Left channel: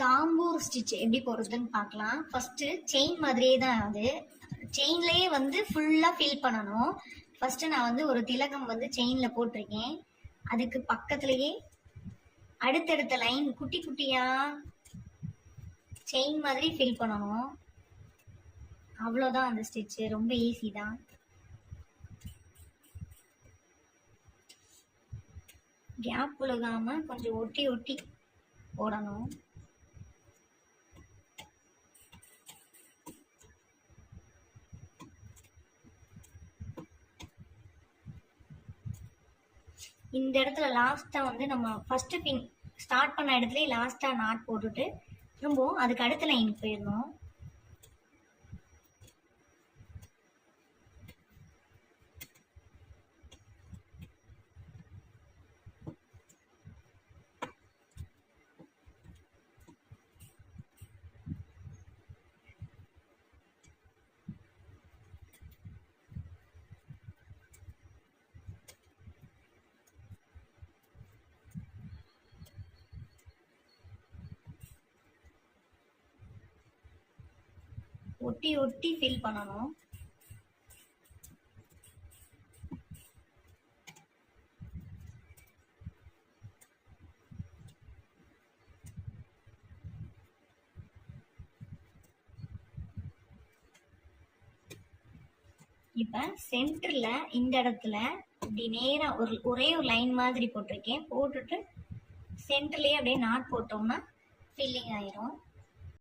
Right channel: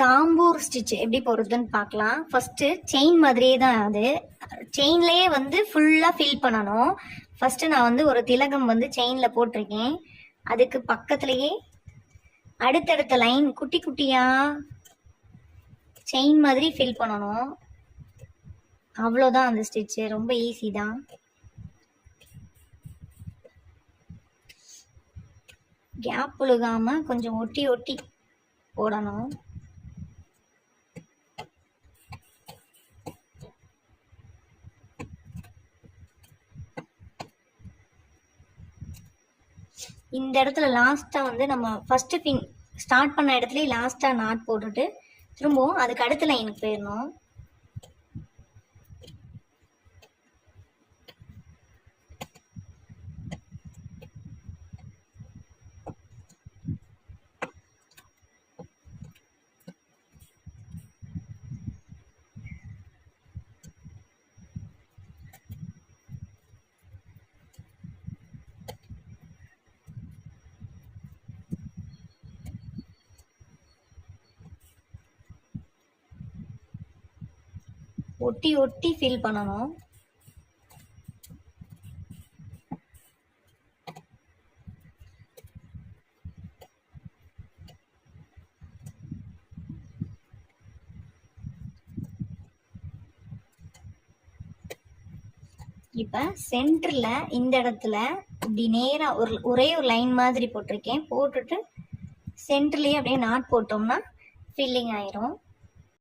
Dhampur stitch எப்படி போடுறதுன்னு பார்க்கலாம். ஃபர்ஸ்ட் செயின் மாதிரியே தான் அது. செயின்லயே வந்து ஃபுல்லா ஃபில் பண்ணணும். ஃபர்ஸ்ட் நான் வந்து ஒரு திலகம் வந்து செயின்ல போட்டிருக்கேன். அதுக்கு பக்கத்துலயே அடுத்தடுத்த லைன் குட்டி குட்டியா செயின் மாதிரி ஃபில் பண்ணணும். அவ்வளோதான் அந்த ஸ்டிச். ரொம்ப ஈஸி தான். கேப் விழுகாம கொஞ்சம் ஒட்டி ஒட்டி போடணும். இந்த இடத்துல லாஸ்டா வந்து நம்ம ஃபர்ஸ்ட் பின் ஸ்டார்ட் பண்ண இடத்துல லாஸ்டா நாட் போட்டுட்டு திரும்பவும் அதுக்கு அடுத்த லைனுக்கு போயிடணும். ஒட்டி ஒட்டி ஃபில் பண்ணணும். இப்ப சென்டர்ல இந்த இடத்துல இப்படி நேரா ஒரே ஒரு லைன் மாதிரி போட்டிருக்கேன். போட்டுட்டு சென்டர்லயே அப்படியே நாட் போட்டோம்னா ஃபில்லிங் ஆயிரும்.